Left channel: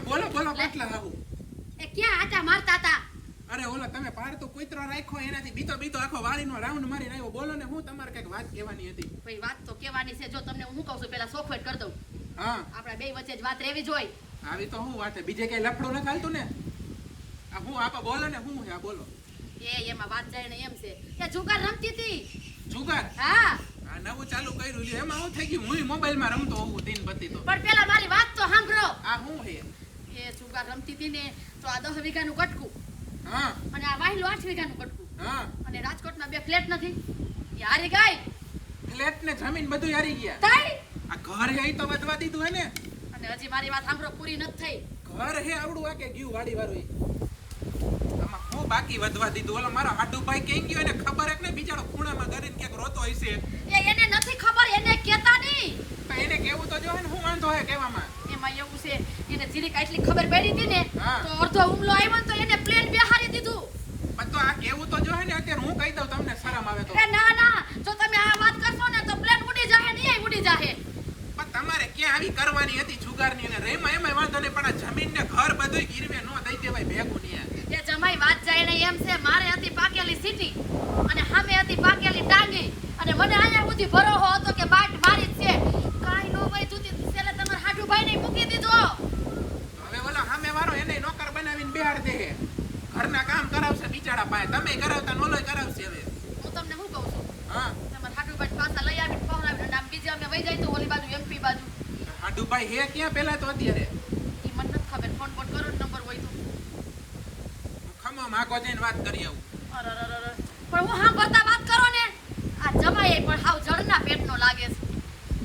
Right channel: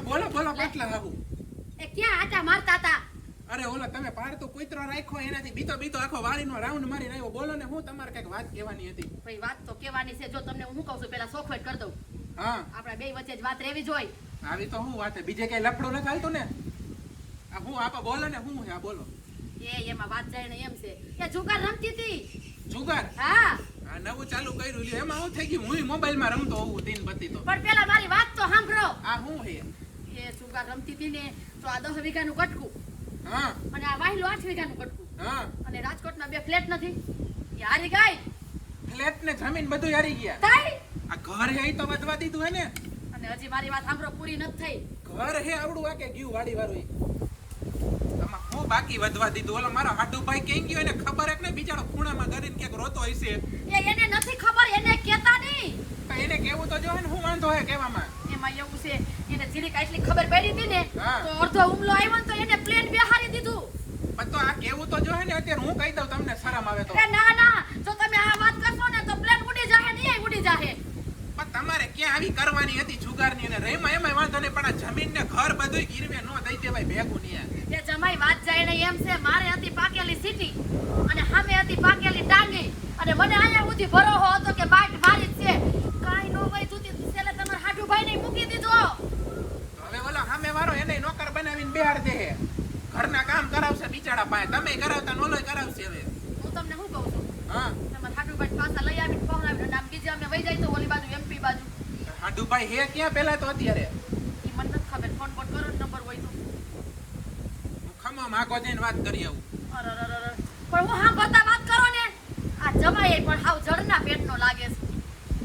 હા બોલો બોલો પાટલા હાહુ. એ ક્યાં આટા મારતા હતા? અરે ઓલો તમે પાડતો કૂતરો રાખ્યો એનાથી બીતો આખો વાડીનો રાઉન્ડ મારીને આવ્યો. બોલો ને હું તમારે કઈક વાત કહેવાની હતી. ભાઈ વાત તો કહેવાની છે. જો તમને હું કહું છું પેલા સોખવટ કરી દઉં. હા આપણા બે વચ્ચે જ વાત રહેવી જોઈએ. આવી તો હું વાત છે, બીજે કઈ લફડું ન ચાલતું ને. આ હું આપા બોલો ને હું છે આ બોલો. એમાં વાત જાય ને એમ છે કે જુગાર રમતી હતી. જુગાર? હા આ નવું ચાલુ કર્યું લ્યો. એમાં હું થઈ ગયું હું મોબાઈલ માં રમતો હોઉં દિન પતિ તો. પણ પેલા મારી વાત તો સાંભળો. આ હું હે? એ જુગાર રમતી હતી ને તો આ 10 વીઘાનું કટકું હા અને આ વાહિલો 8 વીઘાનું કટકું હા અને રાજકોટના બે ફ્લેટ નથી એ હારી ગઈ. ફ્લેટ ને જમીન બધું હારી ગયા. થઈ આ ઘર હે ઈ તો વધવા દીધું હે ને. અને હજી મારી વાત સાંભળો પૂરી નથી થઈ. ઘર હે આવડું આ કે ગયું વાડી વાળું આમાં હું બાકી વધવા દીધું. ઓલો મારો હાડુભાઈ કેમ ગયો એને ખબર હે ને બિચારો ખૂણામાં કરીને ક્યાંક રોતો હશે. એને નથી ખબર, એને કેતા નહીં. તો એને કેવું તો જો હે ને હું વાંધો હે કહેવામાં. એમાં એવું છે એને જીરીક આટલી ખબર પડી હતી ને હા. તો અડધો હુમલો આવ્યો ને તો એને પ્લેન બેહારી દીધું. પણ તો આ કેવું તો જો હે ને અત્યારે હું કહી દઉં તમને શરમ આવે તો. એ ના જો તમે આ વાત કરશો ને તો પ્લેન ઉડી જાહે ને એ ઉડી જાહે. પણ તમારે ક્યાં આવી કરવાની હતી જુગારની અને રેમાં એમાંય વાંધો નહીં પણ આ જમીન ને ઘર બધું ગીરવે નો દઈ દેવાય ભેગું નહીં. એ જમાઈ વાત જાય ને એમ છે મારે હતી પાકેલી સીટી અને સામે હતી પાકેલી ડાંગી અને મને અહીંયા સુધી ભરોસો હતો કે બાટ મારી જ છે. કાઈ નો વઈ જુતી છેલ્લે તમારા હાડુભાઈ ને મૂકી દીધો. હવે ઓલો સામે વાળો એને નોકર બનાવીને બેહાડ દે. ઘરના કામ કરાવશે બિચારા પાસે. તમે કરાવતા નોલોય કરાવશે. હવે હું તમને શું કહું છું હા તમારા હાડુભાઈ પાછા લઈ આવીને પવરાવીને અને આમ બીજે અમે વઈ જાય તો ઓલી બાજુ એમપી બાજુ. હાડુભાઈ હે ક્યાં પેલા તો અત્યારે ઈ મને નથી ખબર. ફોન બોન કરો નંબર હોય તો. હું ખમો માગો જઈને વાત કરી આવું. અરરરર. પણ હું હા બતા વાત કરો ને આ જમાઈ પણ હાવ જડના પેટનો લાગે છે.